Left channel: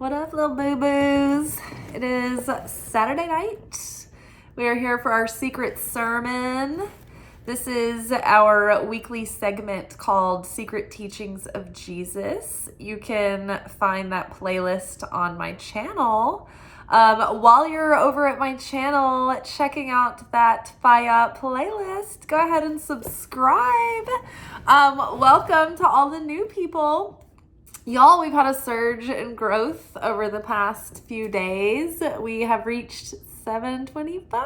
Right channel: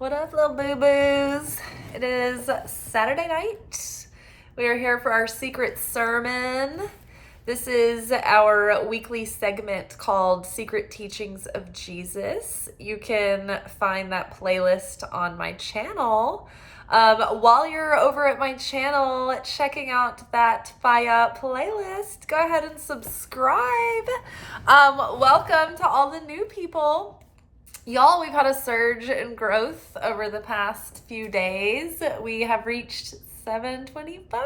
What up, little boo-boos? It is Saturday night. We are here for our secret sermon. This is our weekly segment called Secret Teachings of Jesus. You can find that playlist on my channel. While you're over at my channel checking out that fire playlist, go ahead and subscribe. Welcome to all the new people. Y'all, we've had a surge in growth over the past few days. We have reached 725.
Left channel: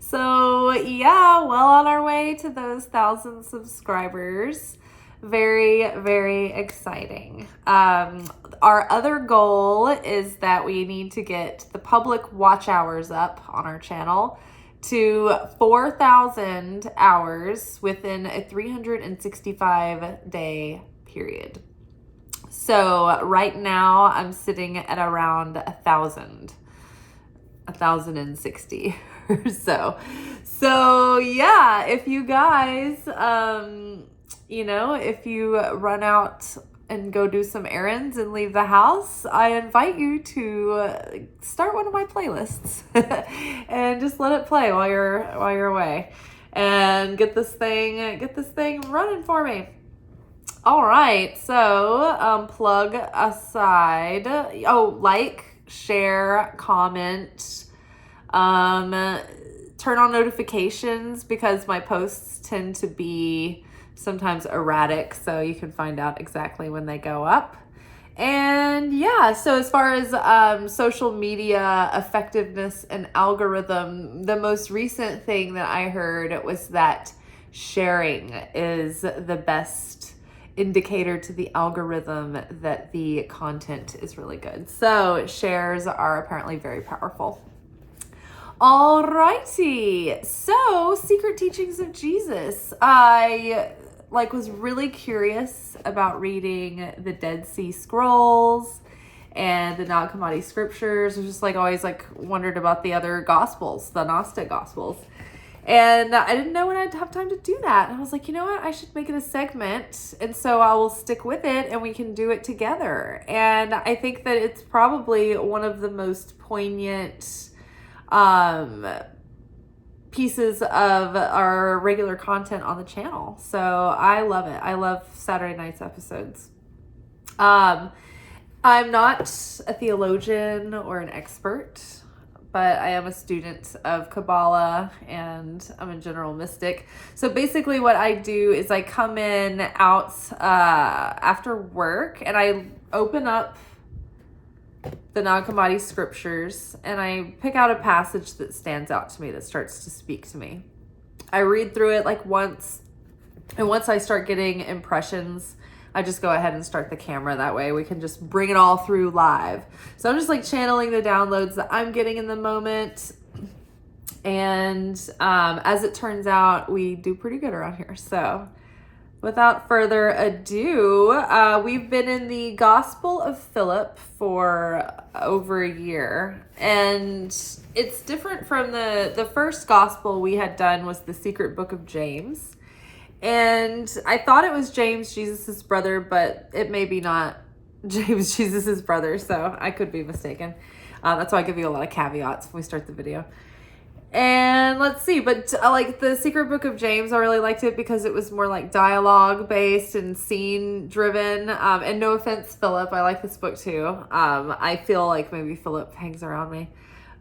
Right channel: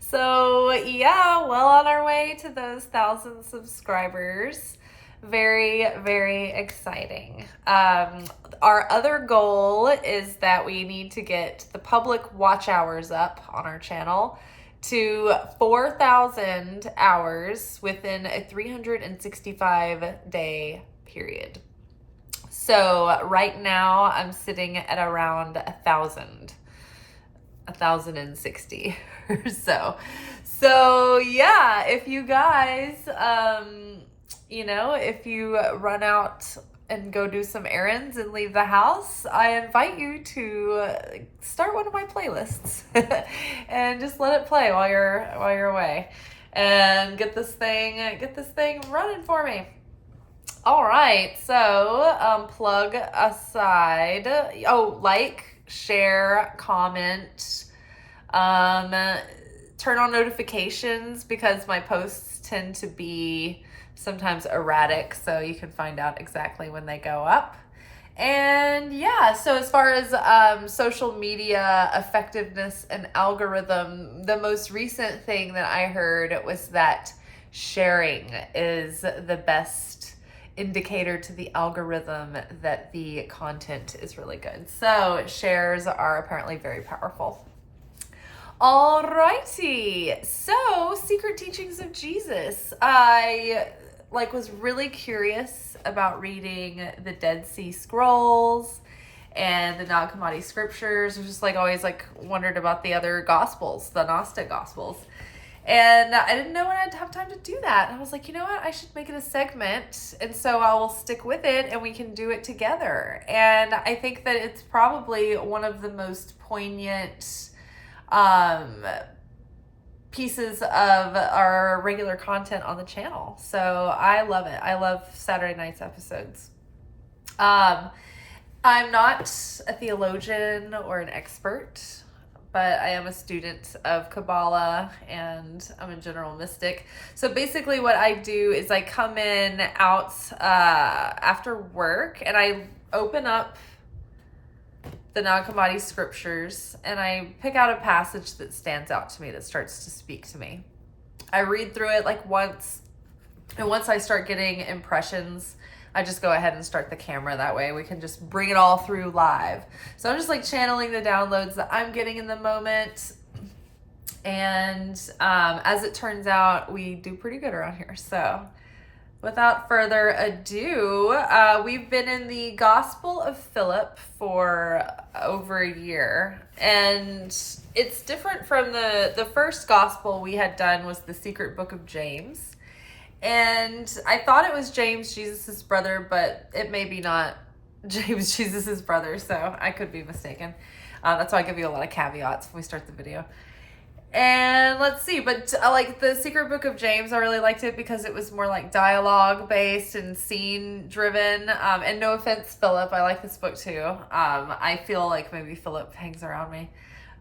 So yeah, well on our way to those 1,000 subscribers. Very, very exciting. Our other goal is that we need to get the public watch hours up on our channel to 4,000 hours within a 365-day period. So right now I'm sitting at around 1,060 or so. So yeah, if you guys, if you run out and go do some errands and leave the house, I invite you to start one of my playlists and just let it play while you're away and get this thing running for me. All right, so plug aside. Like, share, comment, turn on notifications because my posts tend to be sometimes erratic, so you can find out exactly when they go up. And yeah, so as far as social media effectiveness and algorithm, the most recent thing that I heard was that sharing is the best indicator to the algorithm that the content is really good. So shares are apparently very powerful. Alrighty, so Secret Teachings of Jesus. I was really curious about reading the Dead Sea Scrolls and the Nag Hammadi scriptures. I was just always wondered about the other gospels, the Gnostic gospels. And I didn't know when I'd have time to do that. And I was like, you know what? I should make it a segment. And so I will stick with it and we can do it together. And I think that it's probably one of the most poignant pieces of our regular content on the channel. So I love it. I love Saturday night's episodes. I'm not a theologian or an expert, but I am a student of Kabbalah and I'm a general mystic. So basically what I do is I come out after work and I open up the Nag Hammadi scriptures and I pick out a passage that stands out to me, that starts to speak to me. I read through it once, and once I start getting impressions, I just go ahead and start the camera. That way we can just bring it all through live. So I'm just channeling the downloads that I'm getting in the moment. And as it turns out, we do pretty good around here. So without further ado, we've been in the Gospel of Philip for over a year. And it's different from the first gospel we had done was the Secret Book of James. And I thought it was James, Jesus's brother, but it may be not James, Jesus's brother, so I could be mistaken. That's why I give you a lot of caveats when we start the video. And let's see, but the Secret Book of James, I really liked it because it was more dialogue based and scene driven. And no offense, Philip, I like this book too. I feel like maybe Philip hangs around me.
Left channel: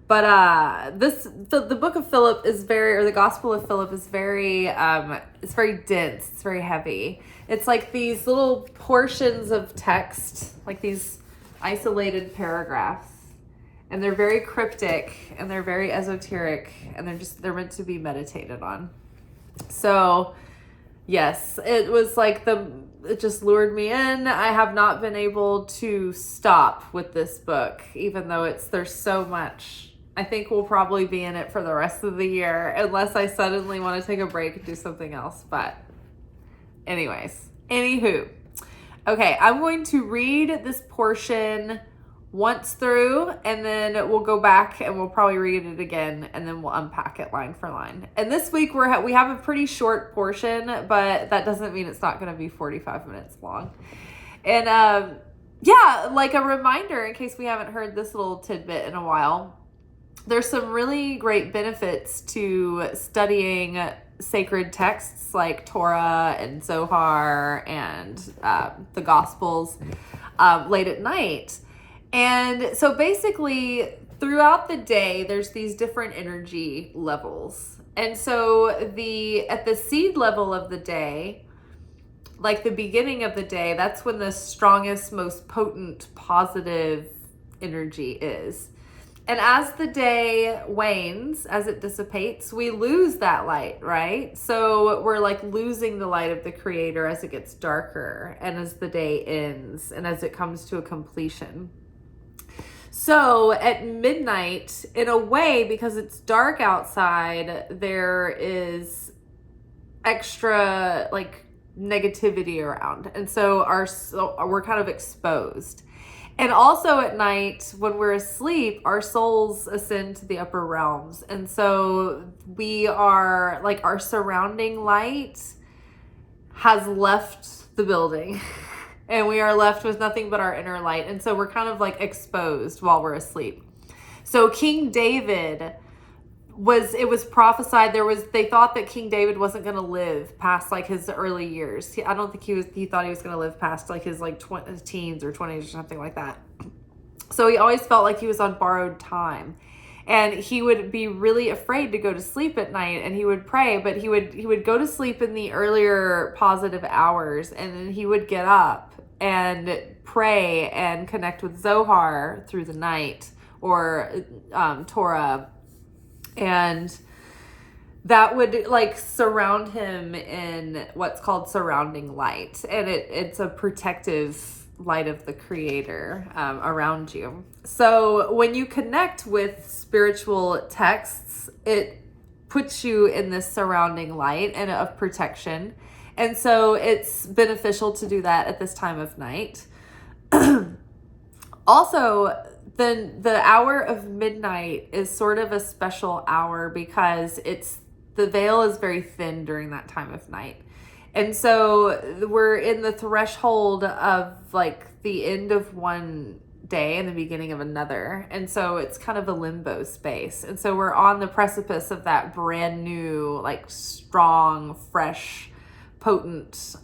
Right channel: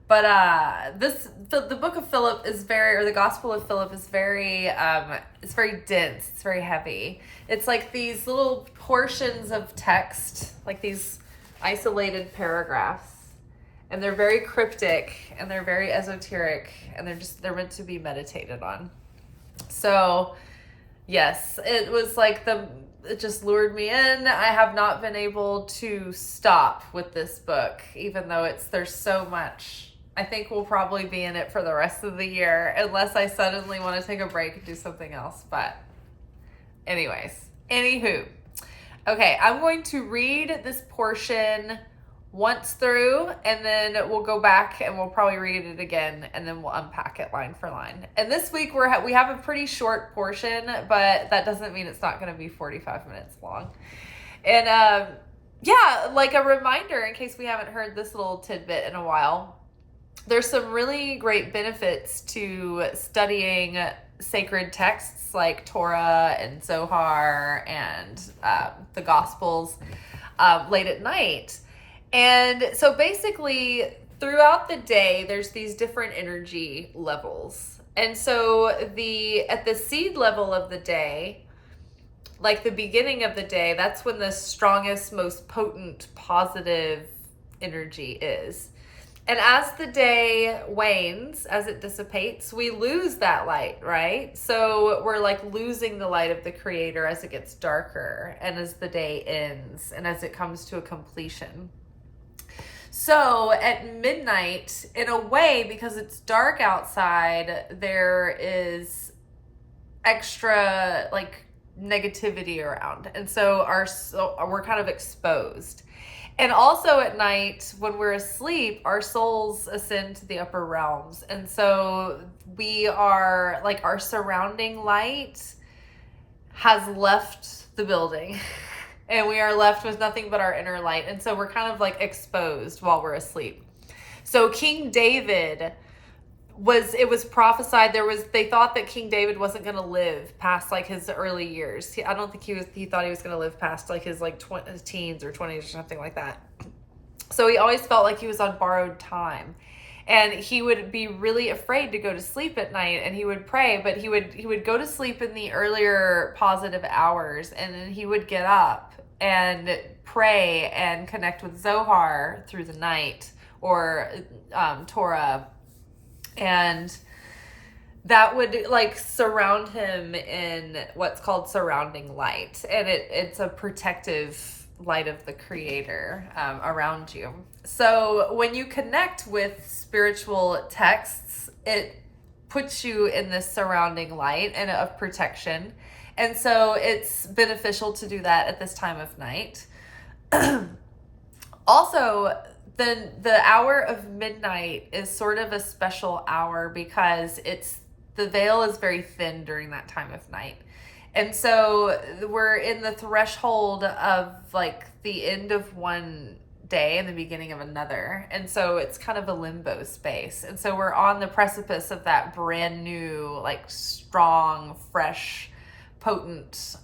But the book of Philip is the Gospel of Philip is very, it's very dense. It's very heavy. It's these little portions of text, these isolated paragraphs. And they're very cryptic and they're very esoteric and they're meant to be meditated on. So yes, it was it just lured me in. I have not been able to stop with this book, even though there's so much. I think we'll probably be in it for the rest of the year unless I suddenly want to take a break and do something else. But anywho. Okay, I'm going to read this portion once through and then we'll go back and we'll probably read it again and then we'll unpack it line for line. And this week we have a pretty short portion, but that doesn't mean it's not going to be 45 minutes long. And yeah, like a reminder in case we haven't heard this little tidbit in a while. There's some really great benefits to studying sacred texts like Torah and Zohar and the Gospels late at night. And so basically, throughout the day, there's these different energy levels. And so at the seed level of the day, like the beginning of the day, that's when the strongest, most potent, positive energy is. And as the day wanes, as it dissipates, we lose that light, right? So we're like losing the light of the Creator as it gets darker and as the day ends and as it comes to a completion. So at midnight, in a way, because it's dark outside, there is extra like negativity around. And so we're kind of exposed. And also at night, when we're asleep, our souls ascend to the upper realms. And so we are like, our surrounding light has left the building and we are left with nothing but our inner light. And so we're kind of like exposed while we're asleep. So King David it was prophesied, they thought that King David wasn't going to live past like his early years. I don't think he thought he was going to live past like his like teens or 20s or something like that. So he always felt like he was on borrowed time. And he would be really afraid to go to sleep at night, and he would pray, but he would go to sleep in the earlier positive hours, and then he would get up and pray and connect with Zohar through the night, or Torah. And that would like surround him in what's called surrounding light. And it's a protective light of the Creator around you. So when you connect with spiritual texts, it puts you in this surrounding light and of protection. And so it's beneficial to do that at this time of night. Also, then the hour of midnight is sort of a special hour because the veil is very thin during that time of night. And so we're in the threshold of like the end of one day and the beginning of another. And so it's kind of a limbo space. And so we're on the precipice of that brand new, like strong, fresh, potent,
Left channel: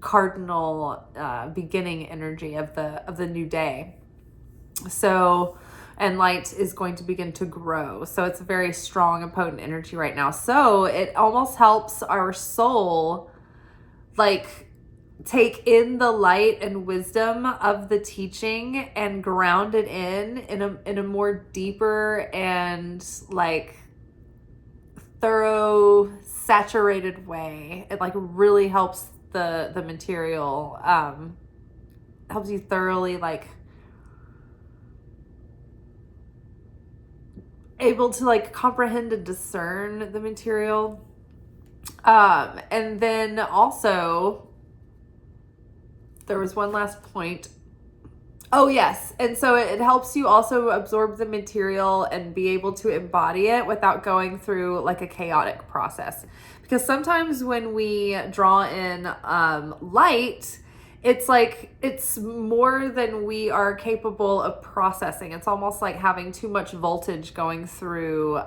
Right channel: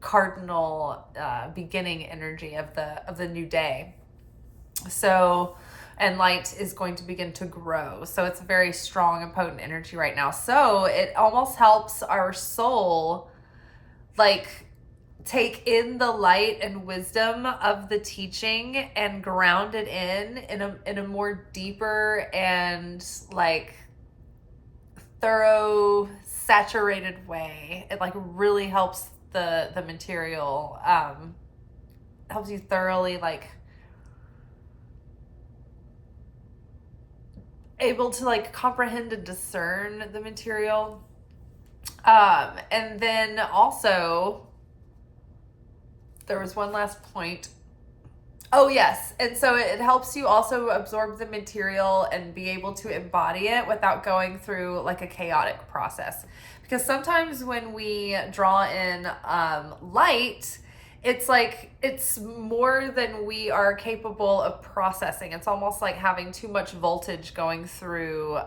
cardinal beginning energy of the new day. So, and light is going to begin to grow. So it's a very strong and potent energy right now. So it almost helps our soul like take in the light and wisdom of the teaching and ground it in a more deeper and like thorough, saturated way. It like really helps the material, helps you thoroughly like able to like comprehend and discern the material. And then also there was one last point. Oh yes. And so it helps you also absorb the material and be able to embody it without going through like a chaotic process. Because sometimes when we draw in light, it's like it's more than we are capable of processing. It's almost like having too much voltage going through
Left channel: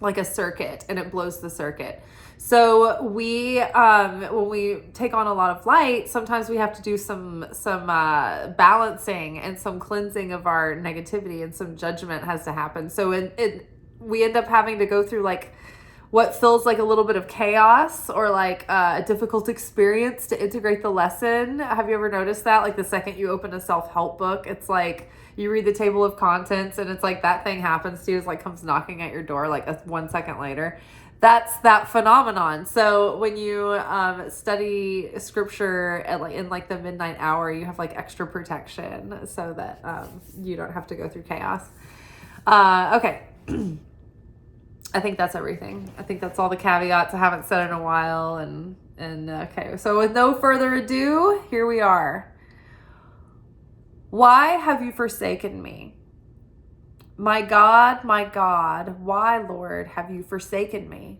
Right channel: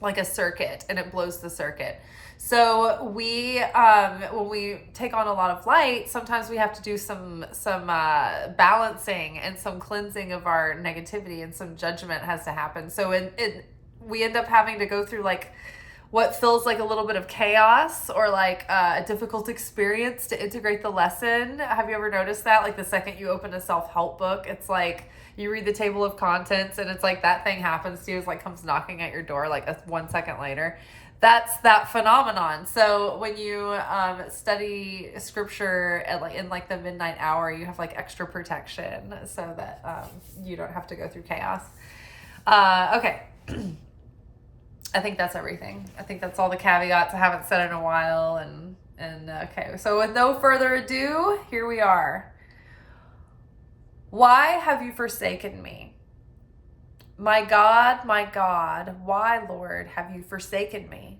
like a circuit, and it blows the circuit. So we when we take on a lot of light, sometimes we have to do some balancing and some cleansing of our negativity, and some judgment has to happen. So we end up having to go through like what feels like a little bit of chaos or like a difficult experience to integrate the lesson. Have you ever noticed that? Like the second you open a self-help book, it's like you read the table of contents and it's like that thing happens to you, is like comes knocking at your door like 1 second later. That's that phenomenon. So when you study scripture in like the midnight hour, you have like extra protection so that you don't have to go through chaos. Okay. I think that's everything. I think that's all the caveats I haven't said in a while. And okay, so with no further ado, here we are. Why have you forsaken me? My God, why, Lord, have you forsaken me?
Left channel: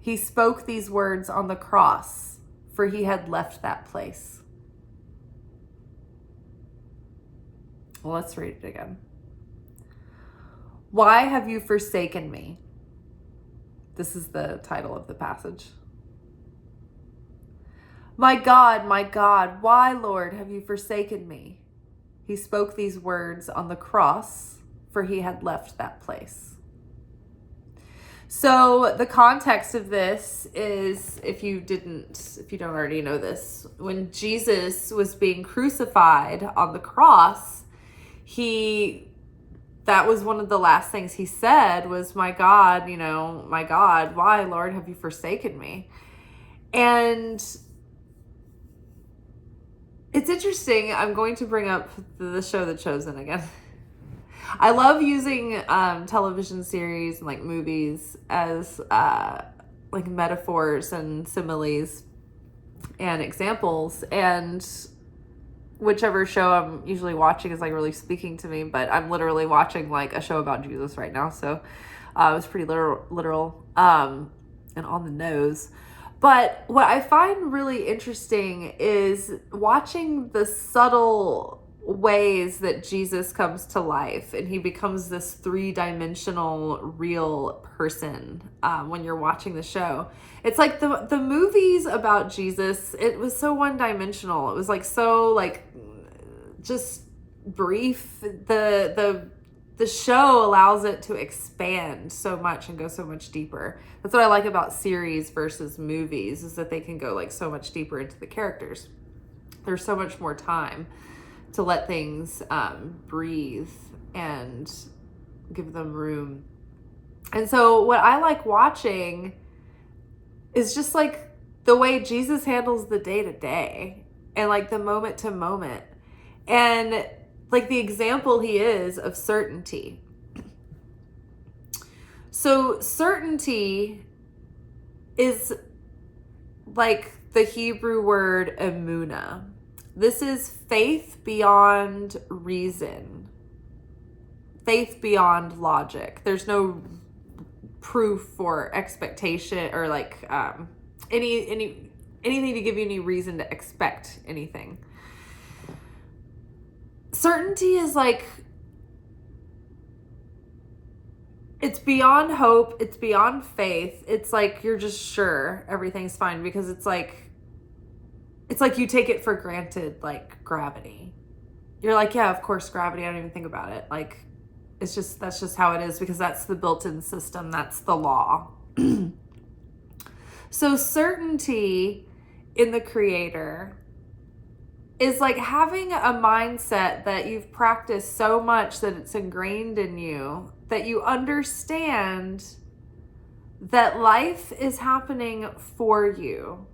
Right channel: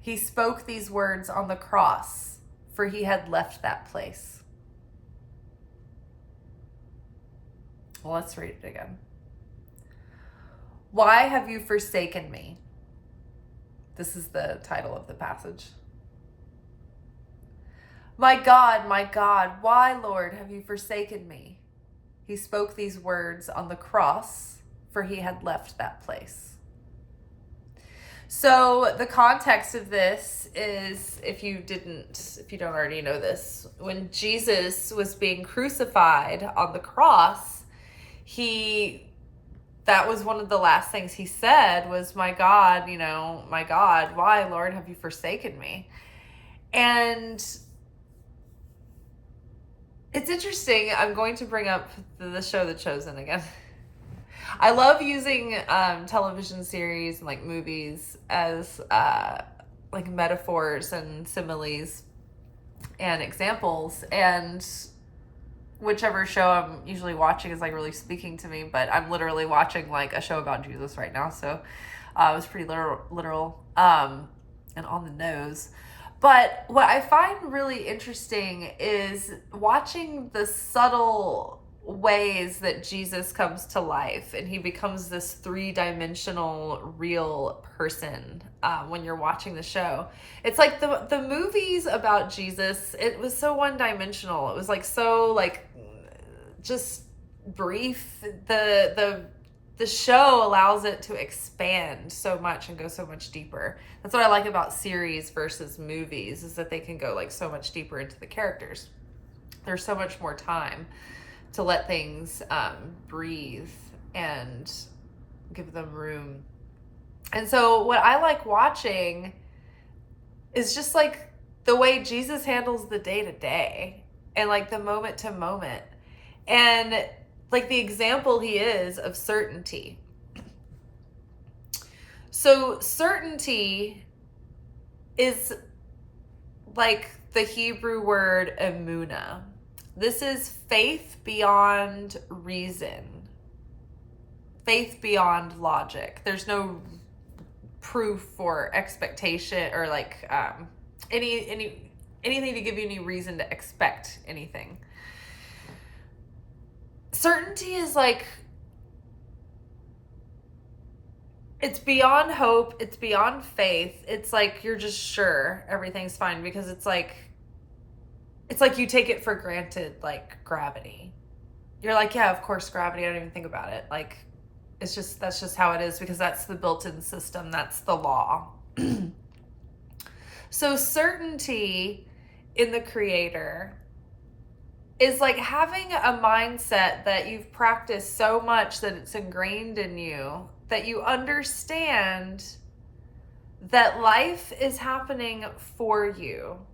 He spoke these words on the cross, for he had left that place. Well, let's read it again. Why have you forsaken me? This is the title of the passage. My God, why, Lord, have you forsaken me? He spoke these words on the cross, for he had left that place. So the context of this is, if you don't already know this, when Jesus was being crucified on the cross, that was one of the last things he said was, my God, why, Lord, have you forsaken me? And it's interesting. I'm going to bring up the show The Chosen again. I love using television series and like movies as like metaphors and similes and examples, and whichever show I'm usually watching is like really speaking to me, but I'm literally watching like a show about Jesus right now, so it was pretty literal and on the nose. But what I find really interesting is watching the subtle ways that Jesus comes to life and he becomes this three-dimensional real person when you're watching the show. It's like the movies about Jesus, it was so one-dimensional. It was like so like just brief. The show allows it to expand so much and go so much deeper. That's what I like about series versus movies, is that they can go like so much deeper into the characters. There's so much more time to let things breathe and give them room. And so what I like watching is just like the way Jesus handles the day to day and like the moment to moment. And like the example he is of certainty. So certainty is like the Hebrew word emunah. This is faith beyond reason, faith beyond logic. There's no proof or expectation or like anything to give you any reason to expect anything. Certainty is like, it's beyond hope, it's beyond faith. It's like you're just sure everything's fine, because it's like you take it for granted, like gravity. You're like, yeah, of course, gravity, I don't even think about it. Like, that's just how it is, because that's the built-in system, that's the law. So certainty in the Creator is like having a mindset that you've practiced so much that it's ingrained in you, that you understand that life is happening for you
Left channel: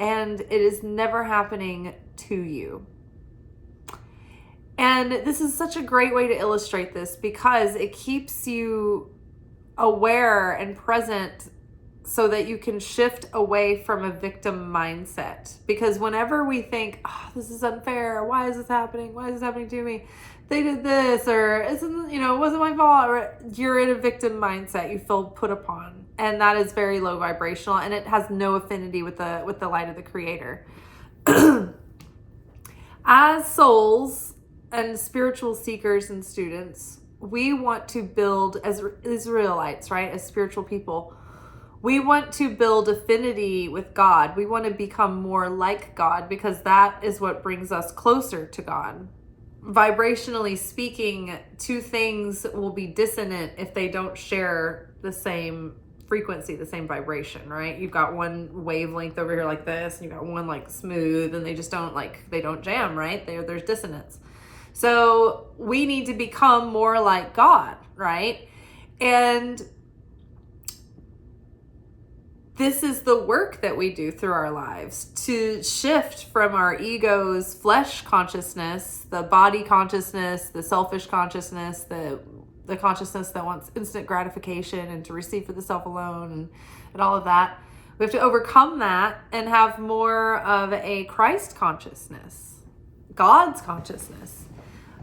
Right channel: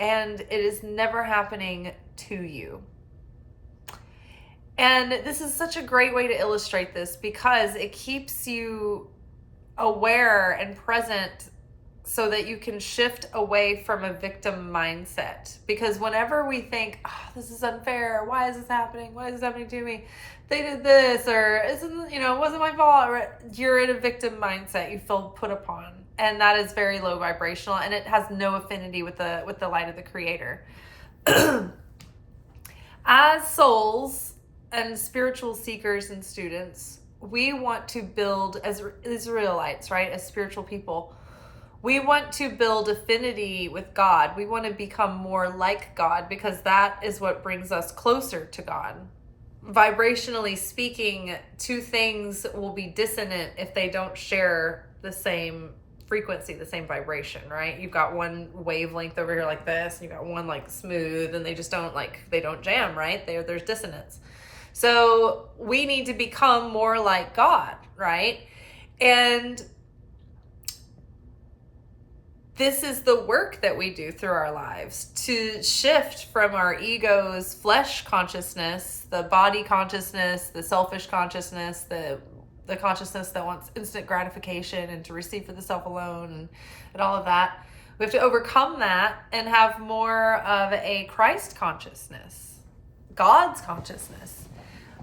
and it is never happening to you. And this is such a great way to illustrate this, because it keeps you aware and present so that you can shift away from a victim mindset. Because whenever we think, oh, this is unfair, why is this happening? Why is this happening to me? They did this, or it wasn't my fault. Or you're in a victim mindset. You feel put upon. And that is very low vibrational, and it has no affinity with the light of the Creator. As souls and spiritual seekers and students, we want to build, as Israelites, right? As spiritual people, we want to build affinity with God. We want to become more like God, because that is what brings us closer to God. Vibrationally speaking, two things will be dissonant if they don't share the same frequency, the same vibration, right? You've got one wavelength over here like this, and you've got one like smooth, and they just don't jam, right? There's dissonance. So we need to become more like God, right? And this is the work that we do through our lives, to shift from our ego's flesh consciousness, the body consciousness, the selfish consciousness, the consciousness that wants instant gratification and to receive for the self alone and all of that. We have to overcome that and have more of a Christ consciousness, God's consciousness,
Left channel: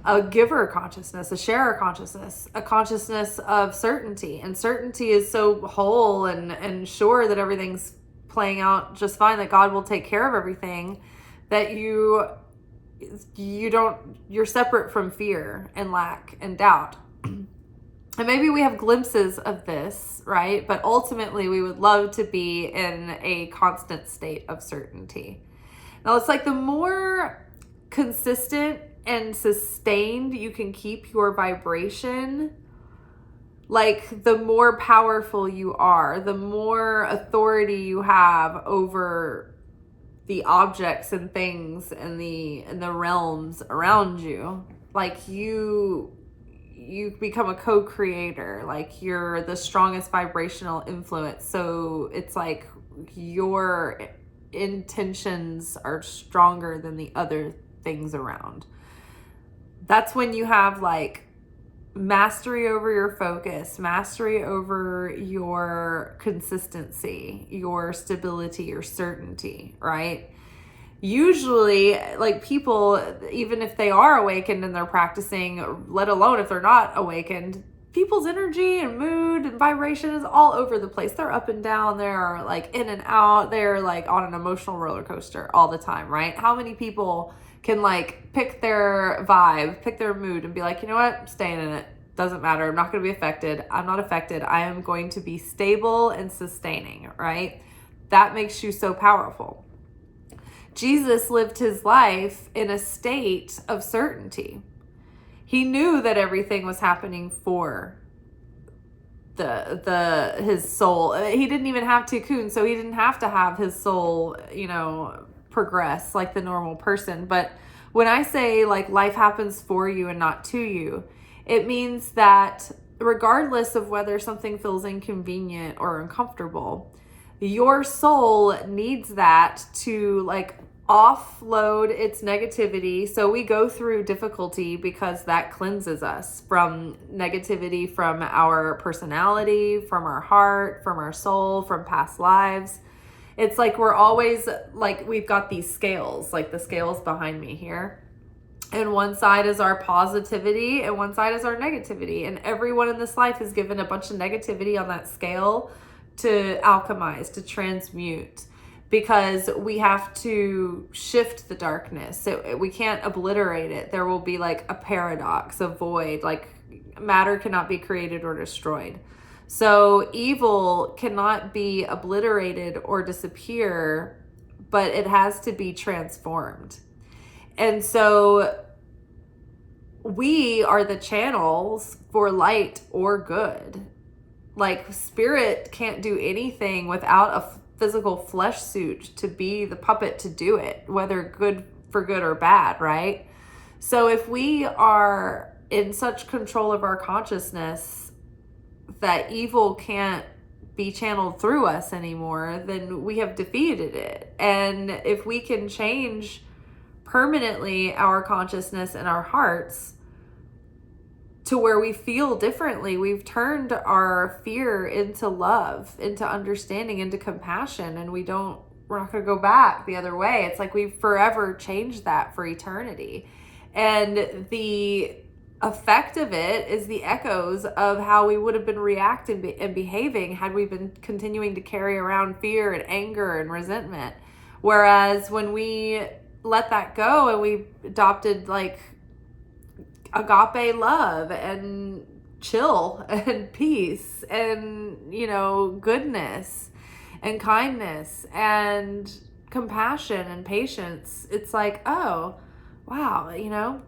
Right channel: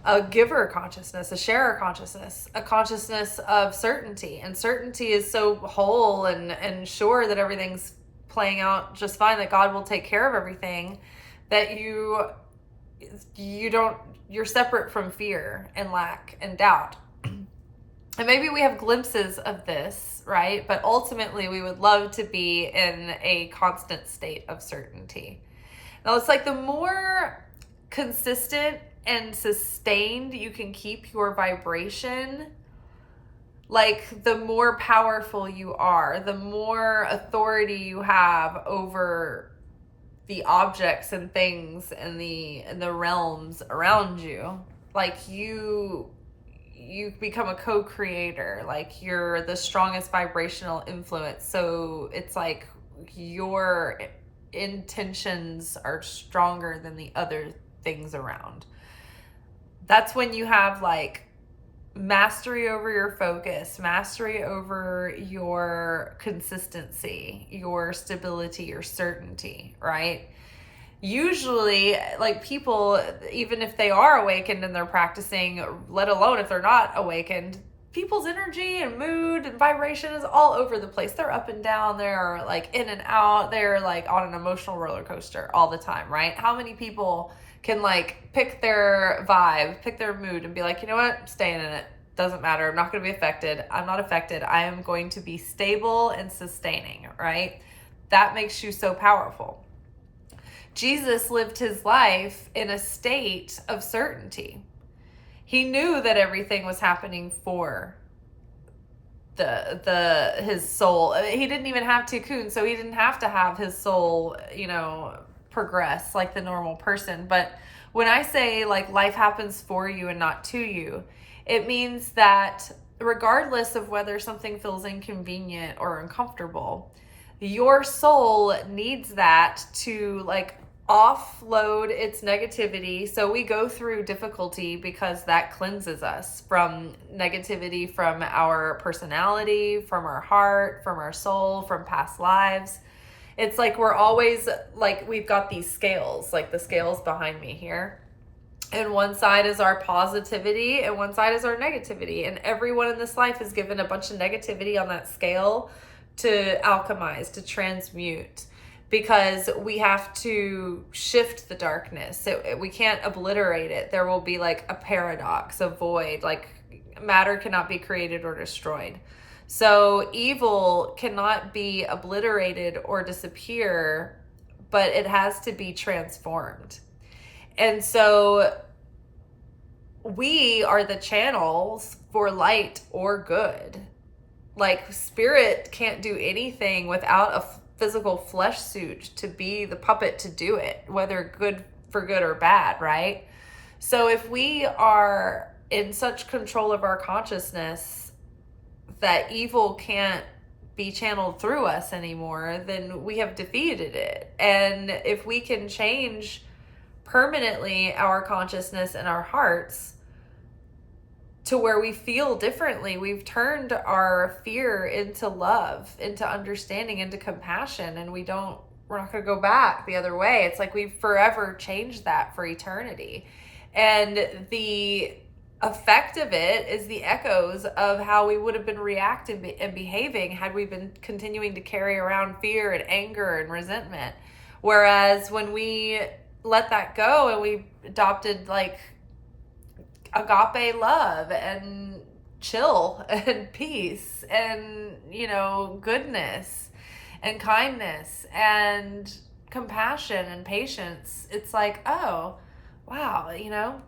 a giver consciousness, a sharer consciousness, a consciousness of certainty. And certainty is so whole and sure that everything's playing out just fine, that God will take care of everything, that you you're separate from fear and lack and doubt. And maybe we have glimpses of this, right? But ultimately, we would love to be in a constant state of certainty. Now, it's like the more consistent and sustained you can keep your vibration, like the more powerful you are, the more authority you have over the objects and things and the realms around you. Like you become a co-creator, like you're the strongest vibrational influence. So it's like your intentions are stronger than the other things around. That's when you have like mastery over your focus, mastery over your consistency, your stability, your certainty, right? Usually, like people, even if they are awakened and they're practicing, let alone if they're not awakened, people's energy and mood and vibration is all over the place. They're up and down. They're like in and out. They're like on an emotional roller coaster all the time, right? How many people can like pick their vibe, pick their mood and be like, you know what, I'm staying in it. Doesn't matter. I'm not going to be affected. I'm not affected. I am going to be stable and sustaining, right? That makes you so powerful. Jesus lived his life in a state of certainty. He knew that everything was happening for his soul. He didn't even have Tikkune, so he didn't have to have his soul, progress like the normal person. But when I say like life happens for you and not to you, it means that regardless of whether something feels inconvenient or uncomfortable, your soul needs that to like offload its negativity. So we go through difficulty because that cleanses us from negativity, from our personality, from our heart, from our soul, from past lives. It's like we're always like, we've got these scales, like the scales behind me here. And one side is our positivity and one side is our negativity. And everyone in this life is given a bunch of negativity on that scale to alchemize, to transmute, because we have to shift the darkness. So we can't obliterate it. There will be like a paradox, a void, like matter cannot be created or destroyed. So evil cannot be obliterated or disappear, but it has to be transformed. And so we are the channels for light or good. Like spirit can't do anything without a physical flesh suit to be the puppet to do it, whether good for good or bad, right? So if we are in such control of our consciousness that evil can't be channeled through us anymore, then we have defeated it. And if we can change permanently our consciousness and our hearts to where we feel differently, we've turned our fear into love, into understanding, into compassion, and we're not going to go back the other way. It's like we've forever changed that for eternity. And the effect of it is the echoes of how we would have been reacting and behaving had we been continuing to carry around fear and anger and resentment. Whereas when we let that go and we adopted like agape love and chill and peace and, goodness and kindness and compassion and patience, it's like, oh, wow,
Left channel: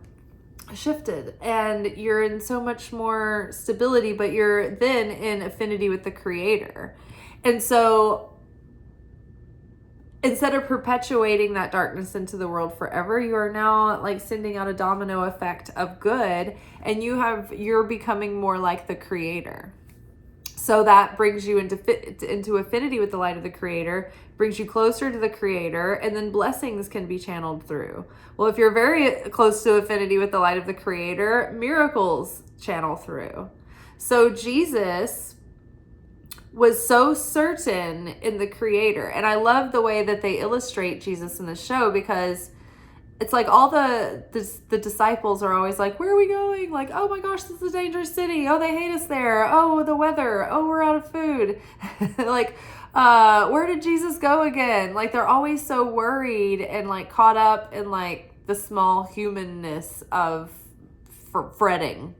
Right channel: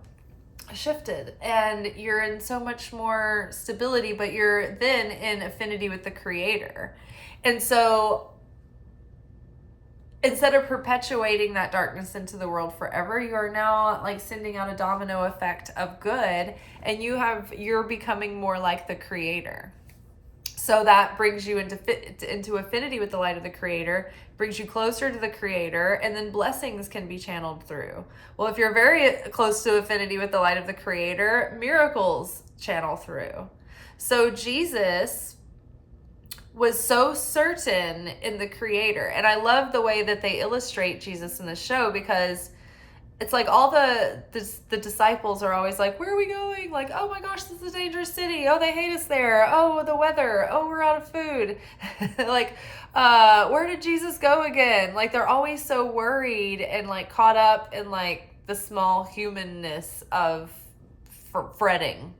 shifted and you're in so much more stability, but you're then in affinity with the Creator. And so instead of perpetuating that darkness into the world forever, you are now like sending out a domino effect of good, and you're becoming more like the Creator. So that brings you into affinity with the light of the Creator, brings you closer to the Creator, and then blessings can be channeled through. Well, if you're very close to affinity with the light of the Creator, miracles channel through. So Jesus was so certain in the Creator. And I love the way that they illustrate Jesus in the show, because it's like all the disciples are always like, where are we going? Like, oh my gosh, this is a dangerous city. Oh, they hate us there. Oh, the weather. Oh, we're out of food. Like, where did Jesus go again? Like, they're always so worried and like caught up in like the small humanness of fretting,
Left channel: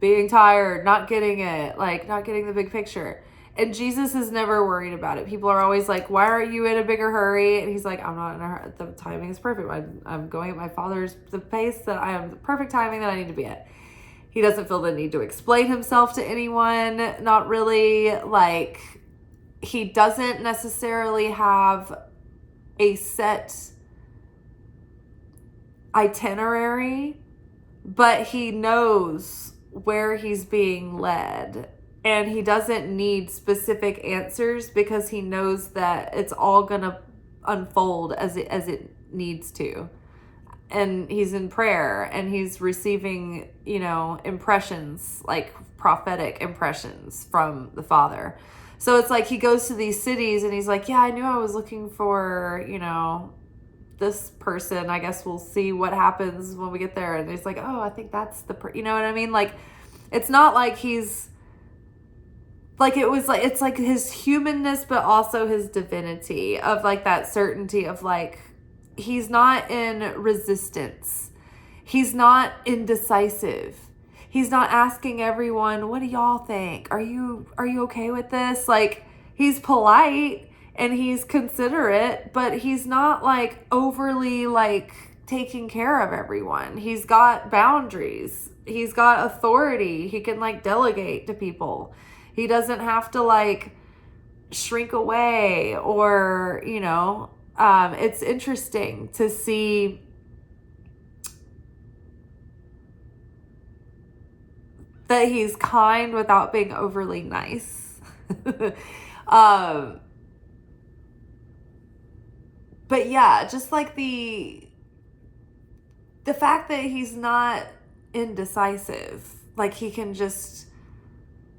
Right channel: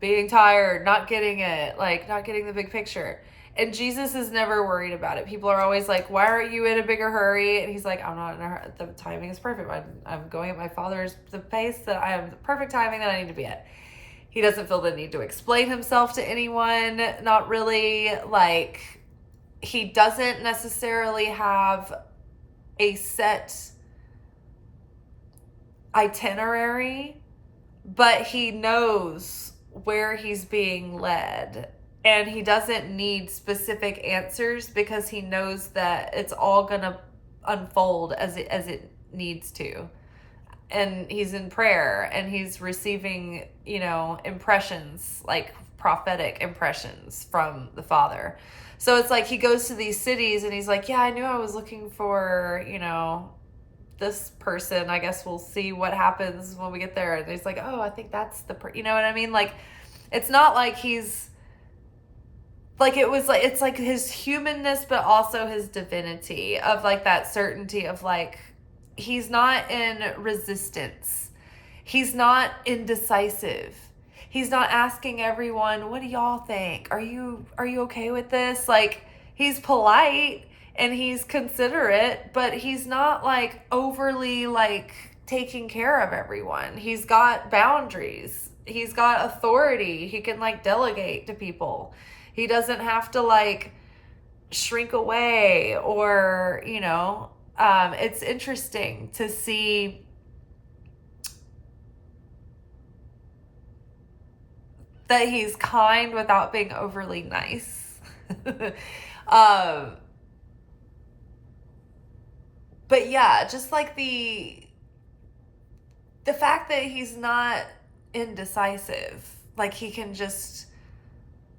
being tired, not getting it, like not getting the big picture. And Jesus is never worried about it. People are always like, why aren't you in a bigger hurry? And he's like, I'm not in a hurry. The timing is perfect. I'm going at my Father's, the pace that I am, the perfect timing that I need to be at. He doesn't feel the need to explain himself to anyone. Not really. Like, he doesn't necessarily have a set itinerary, but he knows where he's being led. And he doesn't need specific answers because he knows that it's all going to unfold as it needs to. And he's in prayer and he's receiving, impressions, like prophetic impressions from the Father. So it's like he goes to these cities and he's like, yeah, I knew I was looking for, this person. I guess we'll see what happens when we get there. And he's like, oh, I think that's you know what I mean? Like, it's not like he's, like, it's like his humanness, but also his divinity of like that certainty of like, he's not in resistance. He's not indecisive. He's not asking everyone, what do y'all think? Are you okay with this? Like, he's polite and he's considerate, but he's not like overly like taking care of everyone. He's got boundaries. He's got authority. He can like delegate to people. He doesn't have to like shrink away or, it's interesting to see that he's kind without being overly nice. But yeah, just like the fact that he's not indecisive, like he can just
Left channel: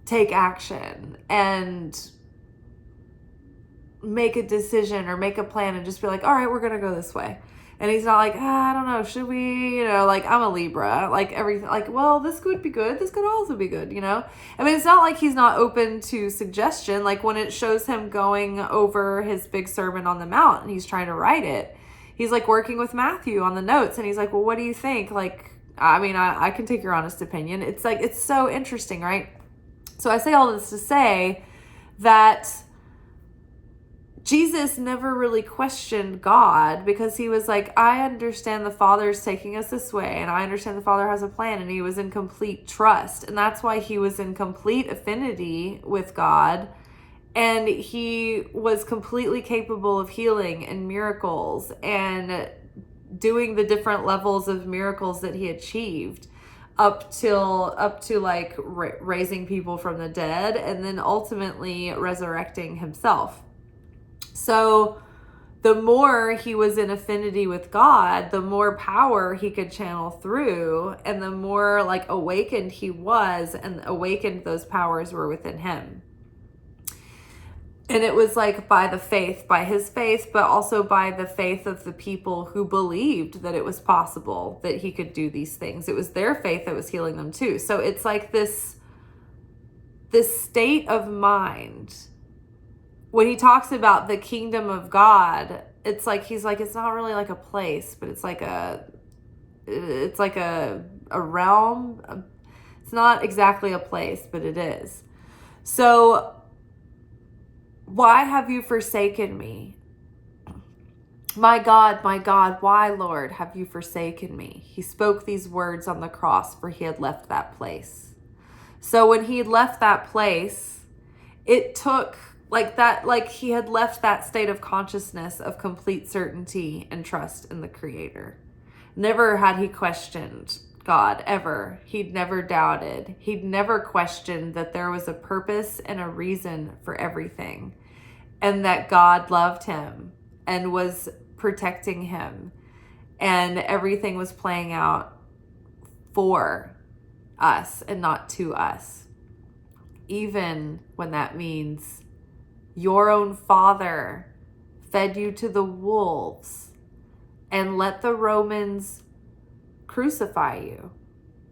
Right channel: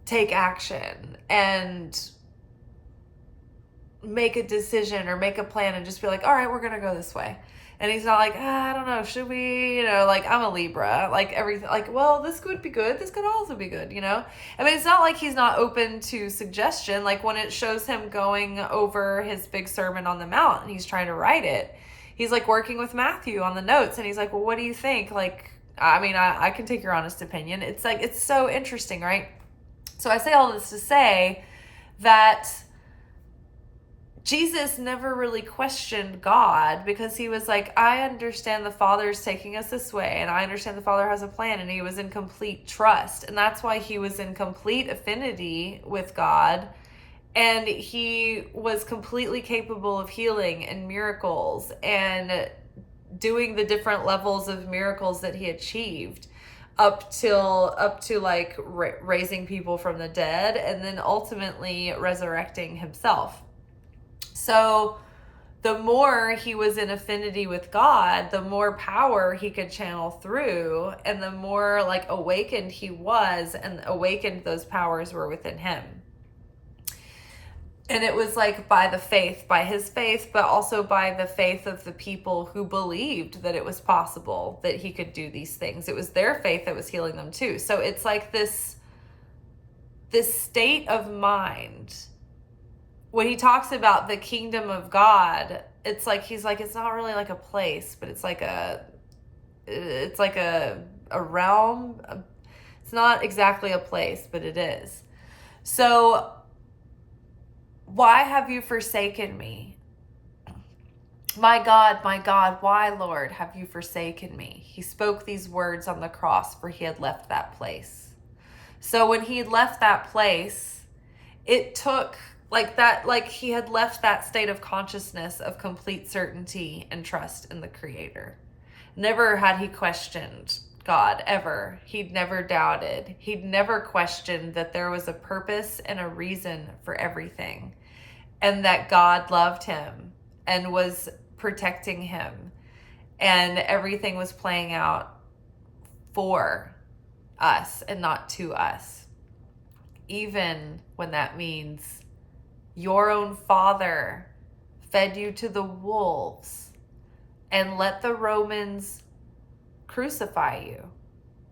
take action and make a decision or make a plan and just be like, all right, we're going to go this way. And he's not like, I don't know, should we, like I'm a Libra, like everything, like, well, this could be good. This could also be good, I mean, it's not like he's not open to suggestion. Like when it shows him going over his big Sermon on the Mount and he's trying to write it, he's like working with Matthew on the notes and he's like, well, what do you think? Like, I mean, I can take your honest opinion. It's like, it's so interesting, right? So I say all this to say that Jesus never really questioned God because he was like, I understand the Father's taking us this way and I understand the Father has a plan, and he was in complete trust. And that's why he was in complete affinity with God, and he was completely capable of healing and miracles and doing the different levels of miracles that he achieved up to like raising people from the dead and then ultimately resurrecting himself. So the more he was in affinity with God, the more power he could channel through, and the more like awakened he was, and awakened those powers were within him. And it was like by his faith, but also by the faith of the people who believed that it was possible that he could do these things. It was their faith that was healing them too. So it's like this state of mind. When he talks about the kingdom of God, it's like, he's like, it's not really like a place, but it's like a realm. It's not exactly a place, but it is. So why have you forsaken me? My God, why, Lord, have you forsaken me? He spoke these words on the cross, for he had left that place. So when he had left that place, it took like that, like he had left that state of consciousness of complete certainty and trust in the Creator. Never had he questioned God, ever. He'd never doubted. He'd never questioned that there was a purpose and a reason for everything, and that God loved him and was protecting him, and everything was playing out for us and not to us. Even when that means your own Father fed you to the wolves and let the Romans crucify you.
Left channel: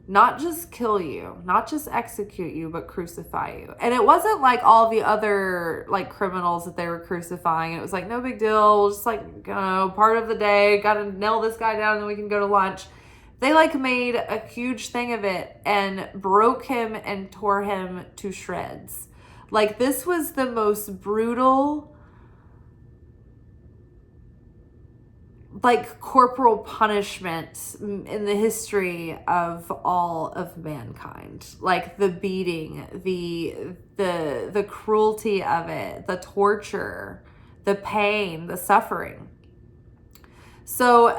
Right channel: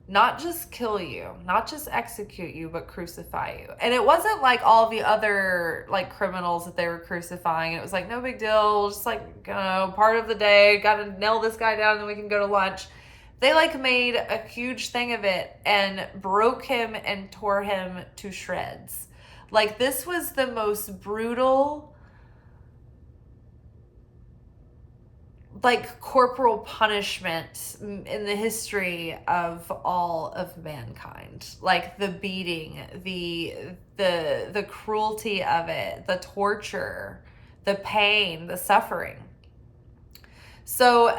not just kill you, not just execute you, but crucify you. And it wasn't like all the other like criminals that they were crucifying. It was like, no big deal, just like, you know, part of the day, gotta nail this guy down and then we can go to lunch. They like made a huge thing of it and broke him and tore him to shreds. Like, this was the most brutal, like, corporal punishment in the history of all of mankind. Like, the beating, the cruelty of it, the torture, the pain, the suffering. So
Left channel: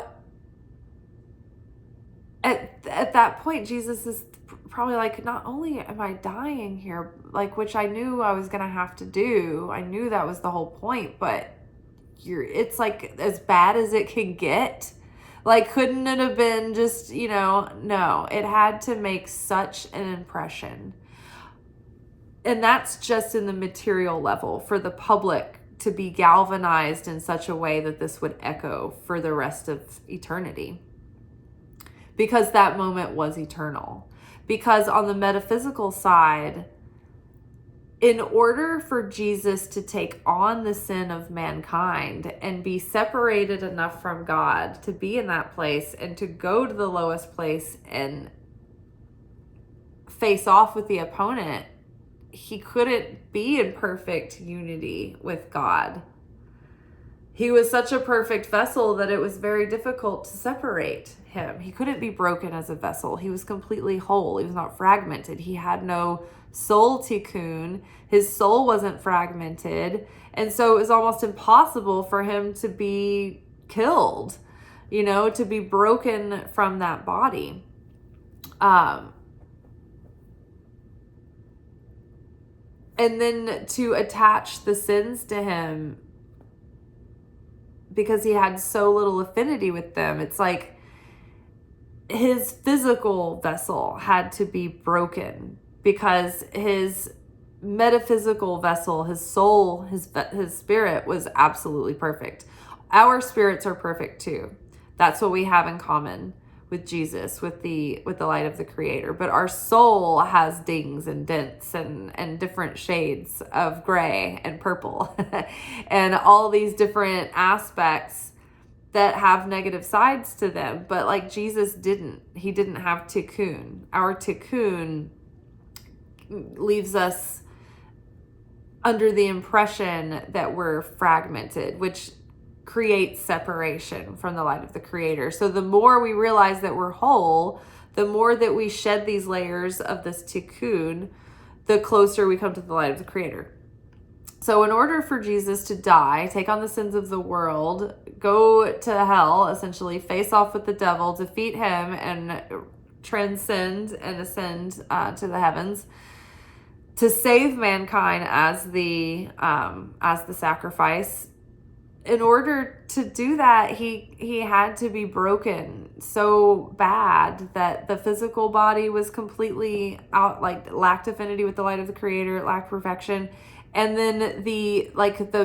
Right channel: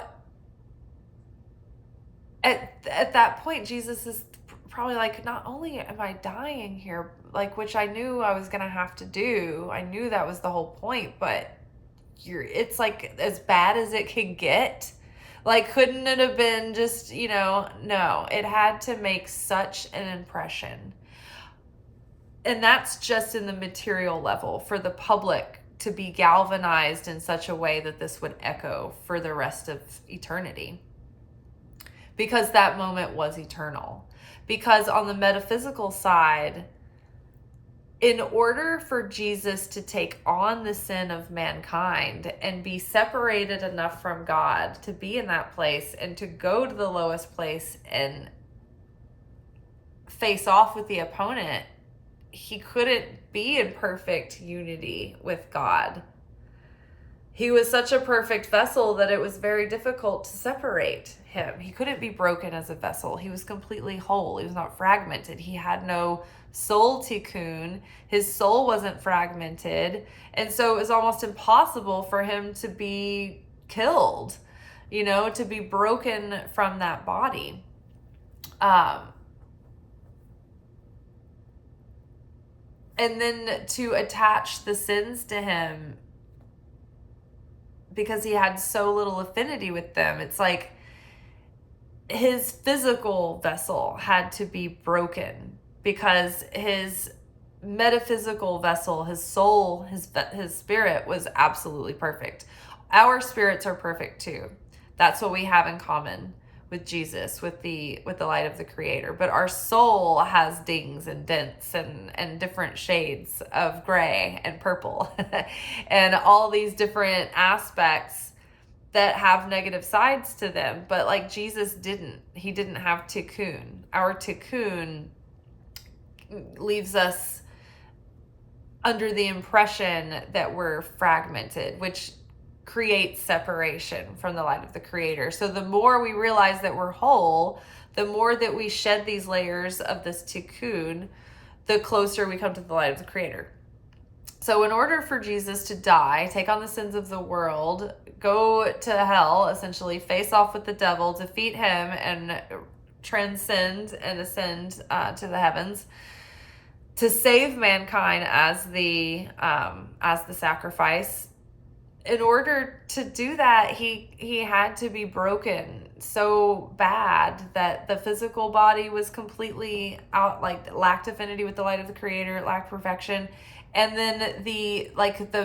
at that point, Jesus is probably like, not only am I dying here, like, which I knew I was gonna have to do, I knew that was the whole point, but it's like as bad as it can get. Like, couldn't it have been just, you know? No, it had to make such an impression. And that's just in the material level, for the public to be galvanized in such a way that this would echo for the rest of eternity. Because that moment was eternal. Because on the metaphysical side, in order for Jesus to take on the sin of mankind and be separated enough from God to be in that place and to go to the lowest place and face off with the opponent, he couldn't be in perfect unity with God. He was such a perfect vessel that it was very difficult to separate him. He couldn't be broken as a vessel. He was completely whole. He was not fragmented. He had no soul tikkune. His soul wasn't fragmented. And so it was almost impossible for him to be killed, you know, to be broken from that body. And then to attach the sins to him because he had so little affinity with them. It's like his physical vessel had to be broken because his metaphysical vessel, his soul, his spirit was absolutely perfect. Our spirits are perfect too. That's what we have in common with Jesus, with the light of the Creator. But our soul has dings and dents and different shades of gray and purple and all these different aspects that have negative sides to them. But like Jesus didn't. He didn't have tikkune. Our tikkune leaves us under the impression that we're fragmented, which creates separation from the light of the Creator. So the more we realize that we're whole, the more that we shed these layers of this tikkun, the closer we come to the light of the Creator. So in order for Jesus to die, take on the sins of the world, go to hell, essentially face off with the devil, defeat him, and transcend and ascend to the heavens, to save mankind as the sacrifice, in order to do that, he had to be broken so bad that the physical body was completely out, like lacked affinity with the light of the Creator, lacked perfection. And then the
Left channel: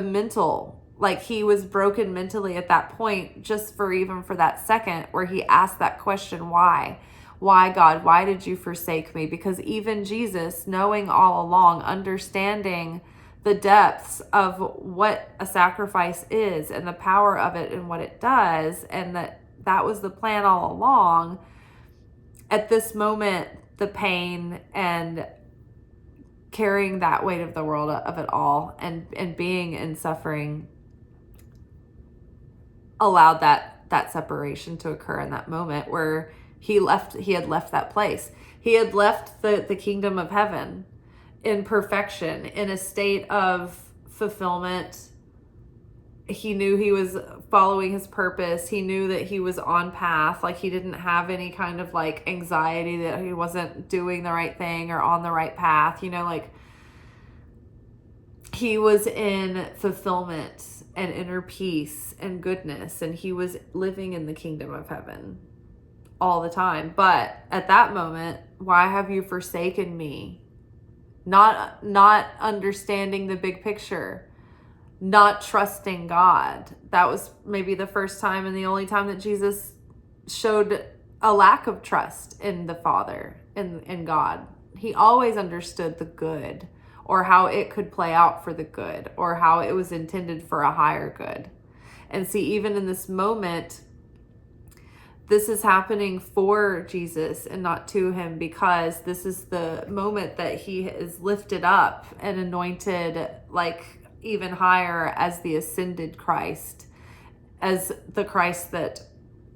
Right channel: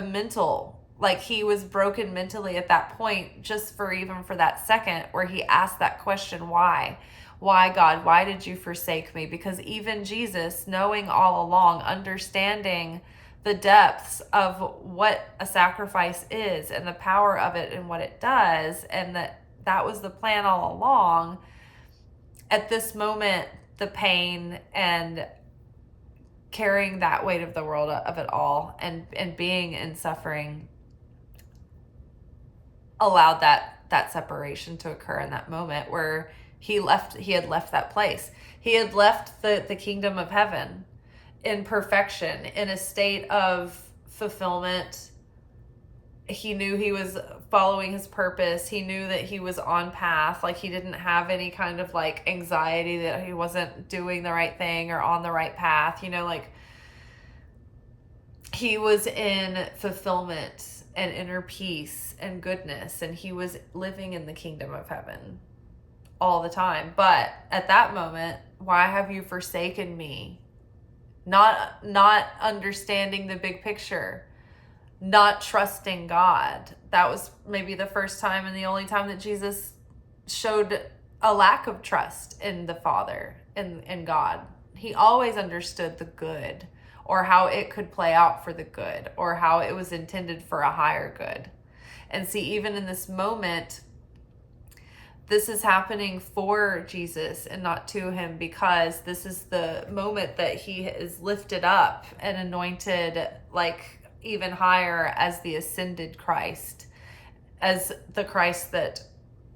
mental, like he was broken mentally at that point, just for that second where he asked that question, why? Why, God? Why did you forsake me? Because even Jesus, knowing all along, understanding the depths of what a sacrifice is and the power of it and what it does, and that was the plan all along, at this moment, the pain and carrying that weight of the world of it all and being in suffering allowed that separation to occur in that moment where he had left that place. He had left the kingdom of heaven in perfection, in a state of fulfillment. He knew he was following his purpose. He knew that he was on path. Like, he didn't have any kind of like anxiety that he wasn't doing the right thing or on the right path. You know, like he was in fulfillment and inner peace and goodness, and he was living in the kingdom of heaven all the time. But at that moment, why have you forsaken me? Not understanding the big picture, not trusting God. That was maybe the first time and the only time that Jesus showed a lack of trust in the Father, in God. He always understood the good, or how it could play out for the good, or how it was intended for a higher good. And see, even in this moment, this is happening for Jesus and not to him, because this is the moment that he is lifted up and anointed like even higher as the ascended Christ, as the Christ that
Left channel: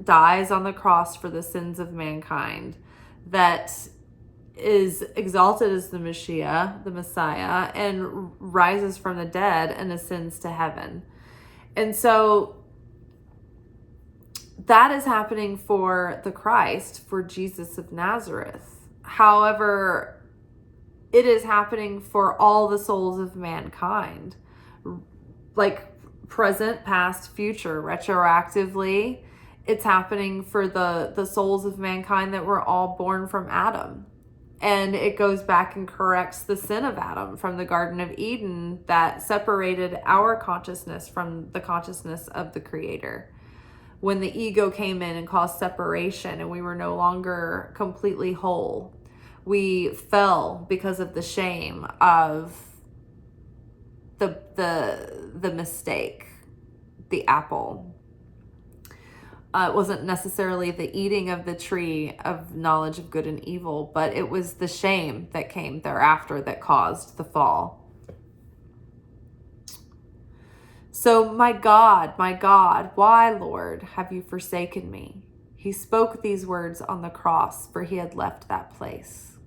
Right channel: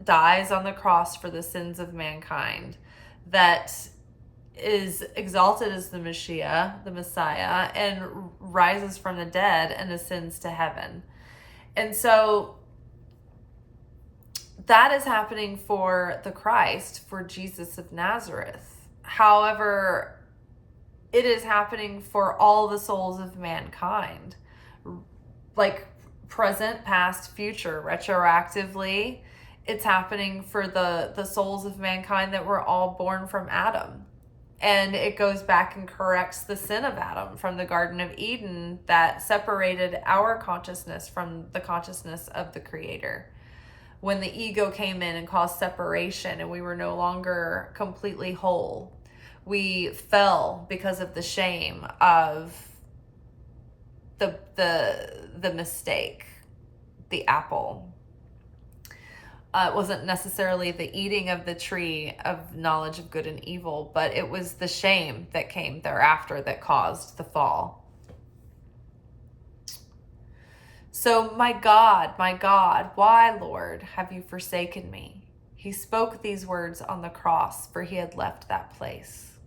dies on the cross for the sins of mankind, that is exalted as the Messiah, and rises from the dead and ascends to heaven. And so that is happening for the Christ, for Jesus of Nazareth. However, it is happening for all the souls of mankind, like present, past, future, retroactively. It's happening for the souls of mankind that were all born from Adam. And it goes back and corrects the sin of Adam from the Garden of Eden that separated our consciousness from the consciousness of the Creator. When the ego came in and caused separation and we were no longer completely whole, we fell because of the shame of the mistake, the apple. It wasn't necessarily the eating of the tree of knowledge of good and evil, but it was the shame that came thereafter that caused the fall. So, my God, why, Lord, have you forsaken me? He spoke these words on the cross, for he had left that place.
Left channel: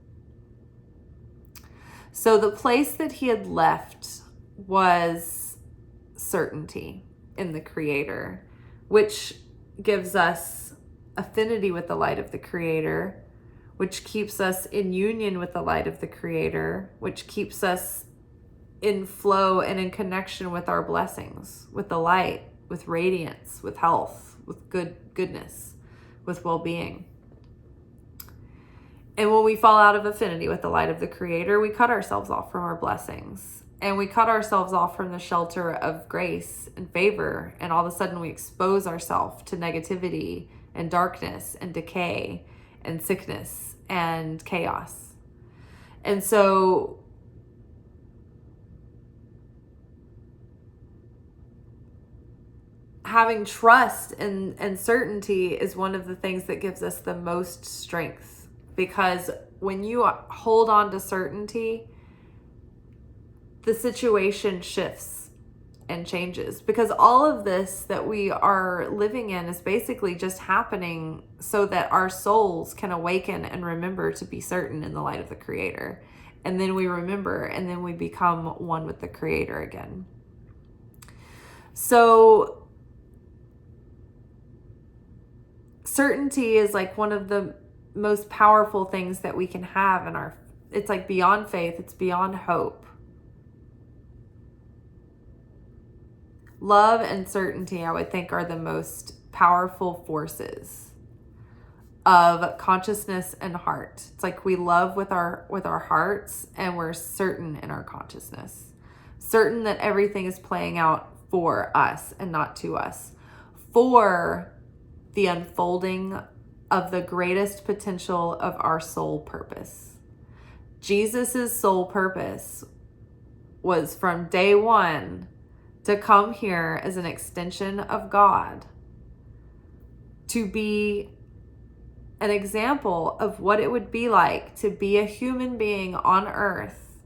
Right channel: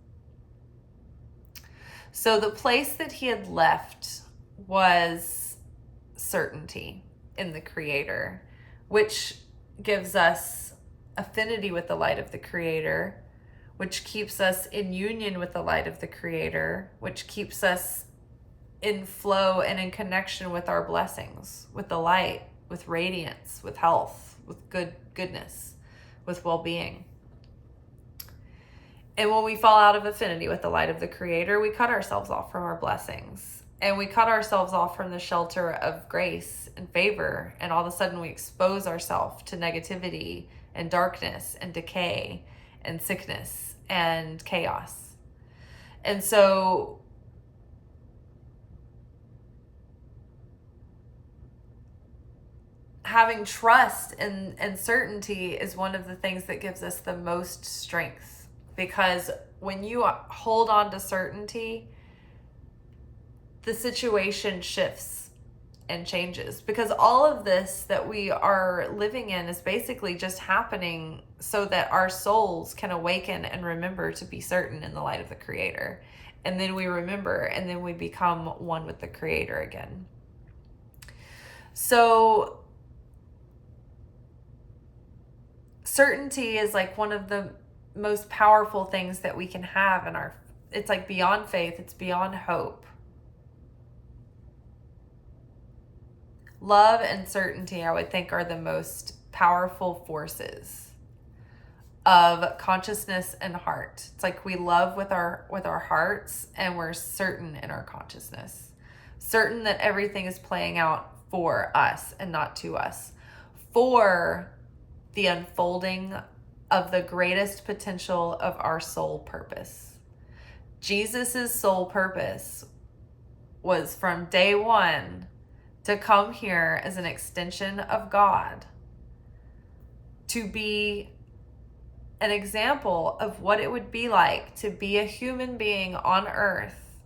So the place that he had left was certainty in the Creator, which gives us affinity with the light of the Creator, which keeps us in union with the light of the Creator, which keeps us in flow and in connection with our blessings, with the light, with radiance, with health, with goodness, with well-being. And when we fall out of affinity with the light of the Creator, we cut ourselves off from our blessings, and we cut ourselves off from the shelter of grace and favor, and all of a sudden we expose ourselves to negativity and darkness and decay and sickness and chaos. And so having trust and certainty is one of the things that gives us the most strength, because when you hold on to certainty, the situation shifts and changes, because all of this that we are living in is basically just happening so that our souls can awaken and remember to be certain in the light of the Creator. And then we remember, and then we become one with the Creator again. So certainty is like one of the most powerful things that we can have in our, it's like beyond faith, it's beyond hope. Love and certainty, I would think, are the most powerful forces of consciousness and heart. It's like we love with our hearts, and we're certain in our consciousness. Certain that everything is playing out for us and not to us. For the unfolding of the greatest potential of our soul purpose. Jesus's soul purpose was from day one to come here as an extension of God, to be an example of what it would be like to be a human being on earth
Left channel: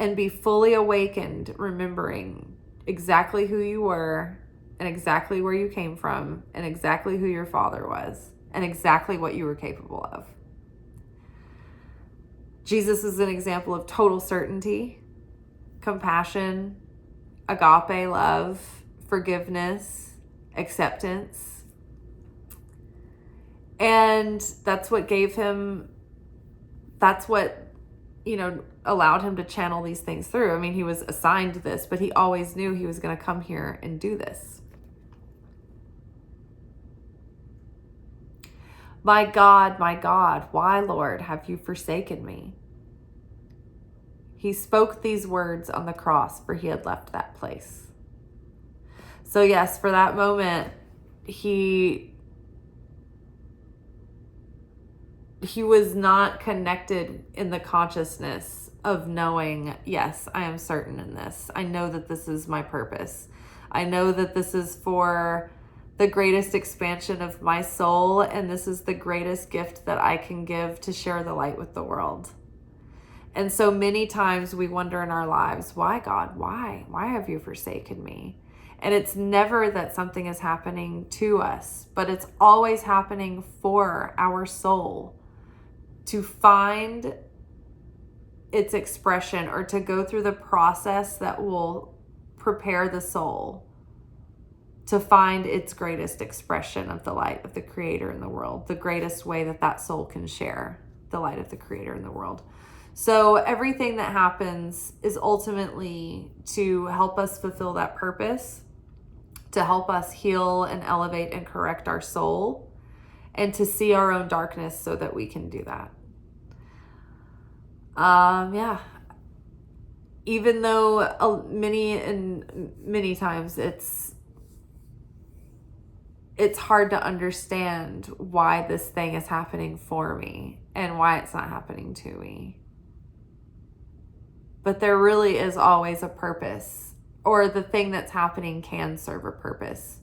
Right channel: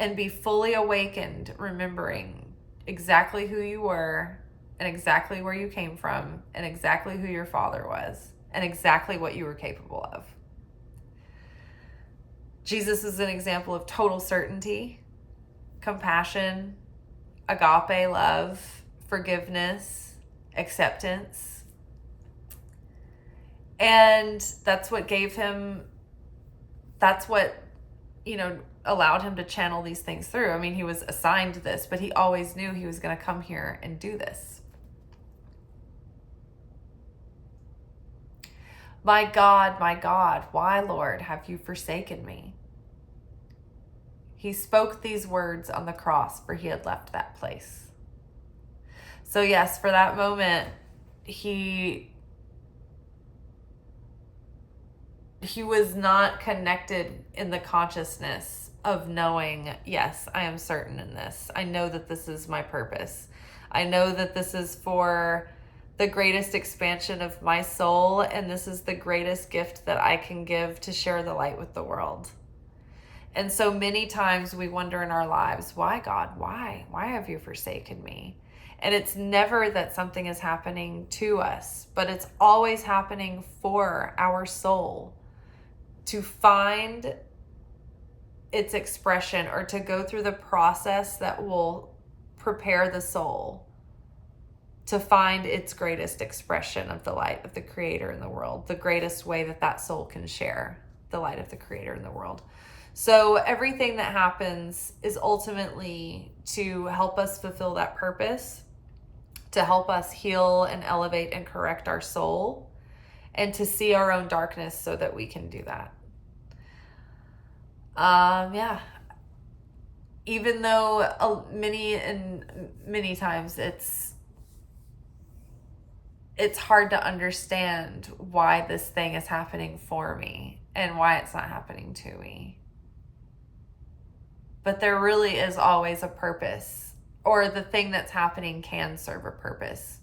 and be fully awakened, remembering exactly who you were and exactly where you came from and exactly who your father was and exactly what you were capable of. Jesus is an example of total certainty, compassion, agape love, forgiveness, acceptance. And that's what gave him, that's what, allowed him to channel these things through. I mean, he was assigned this, but he always knew he was going to come here and do this. My God, why, Lord, have you forsaken me? He spoke these words on the cross, for he had left that place. So yes, for that moment, he he was not connected in the consciousness of knowing, yes, I am certain in this. I know that this is my purpose. I know that this is for the greatest expansion of my soul, and this is the greatest gift that I can give to share the light with the world. And so many times we wonder in our lives, why, God? Why? Why have you forsaken me? And it's never that something is happening to us, but it's always happening for our soul to find its expression, or to go through the process that will prepare the soul to find its greatest expression of the light of the Creator in the world, the greatest way that that soul can share the light of the Creator in the world. So everything that happens is ultimately to help us fulfill that purpose, to help us heal and elevate and correct our soul, and to see our own darkness so that we can do that. Yeah. Even though many times it's hard to understand why this thing is happening for me and why it's not happening to me. But there really is always a purpose, or the thing that's happening can serve a purpose.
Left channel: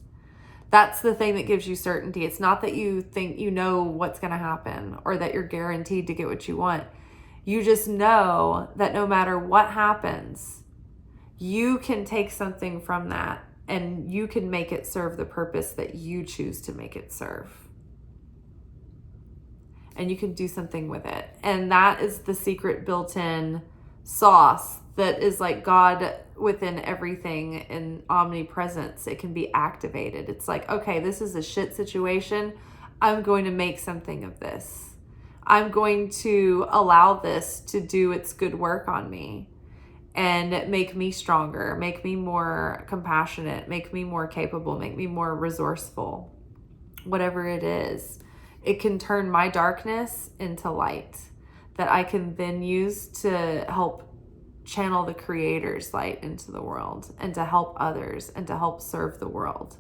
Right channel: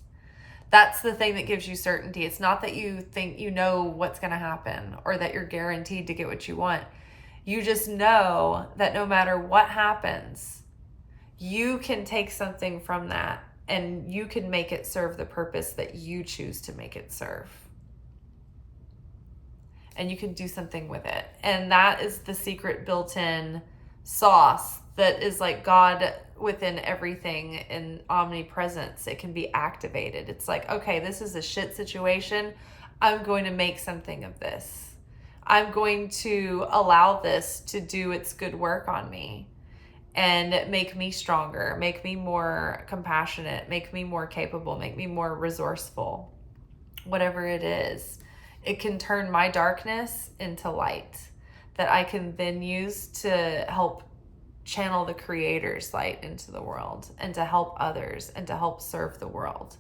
That's the thing that gives you certainty. It's not that you think you know what's going to happen, or that you're guaranteed to get what you want. You just know that no matter what happens, you can take something from that and you can make it serve the purpose that you choose to make it serve. And you can do something with it. And that is the secret built-in sauce that is like God within everything in omnipresence. It can be activated. It's like, okay, this is a shit situation. I'm going to make something of this. I'm going to allow this to do its good work on me and make me stronger, make me more compassionate, make me more capable, make me more resourceful. Whatever it is, it can turn my darkness into light that I can then use to help channel the Creator's light into the world, and to help others, and to help serve the world.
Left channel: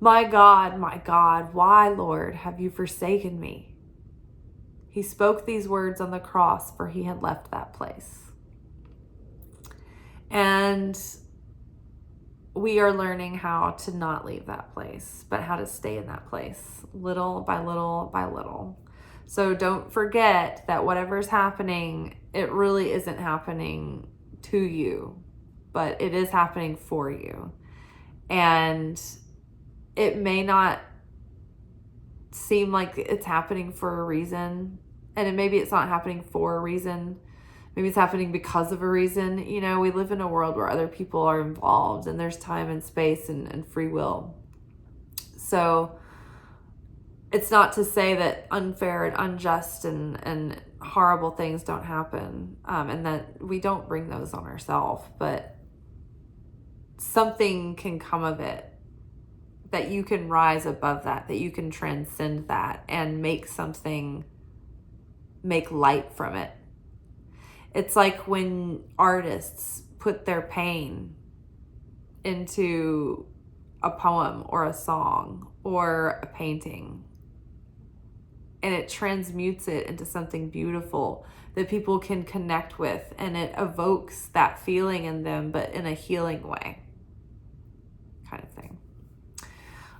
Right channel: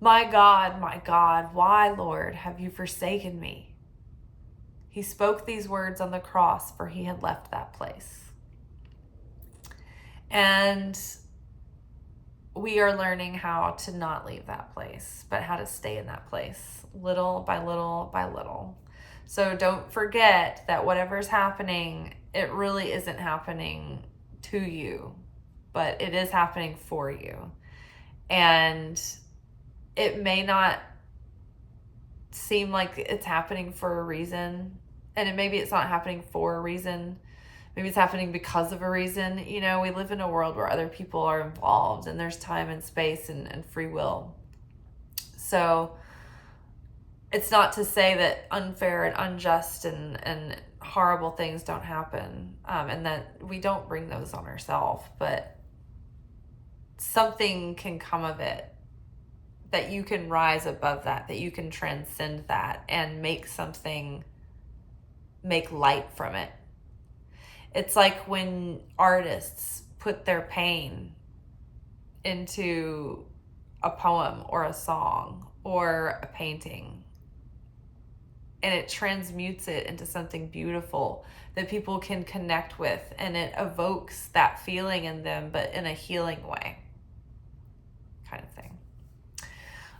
My God, why, Lord, have you forsaken me? He spoke these words on the cross, for he had left that place. And we are learning how to not leave that place, but how to stay in that place, little by little by little. So don't forget that whatever's happening, it really isn't happening to you, but it is happening for you. And it may not seem like it's happening for a reason, and maybe it's not happening for a reason. Maybe it's happening because of a reason. You know, we live in a world where other people are involved, and there's time and space and free will. So it's not to say that unfair and unjust and horrible things don't happen, and that we don't bring those on ourselves, but something can come of it, that you can rise above that you can transcend that and make light from it. It's like when artists put their pain into a poem or a song or a painting, and it transmutes it into something beautiful that people can connect with, and it evokes that feeling in them, but in a healing way, kind of thing.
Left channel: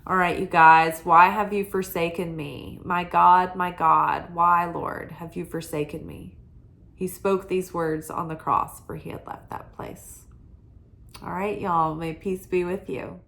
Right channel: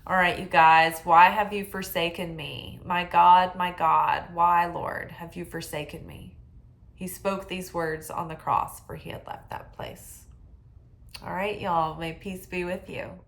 All right, you guys, why have you forsaken me? My God, why, Lord, have you forsaken me? He spoke these words on the cross, for he had left that place. All right, y'all, may peace be with you.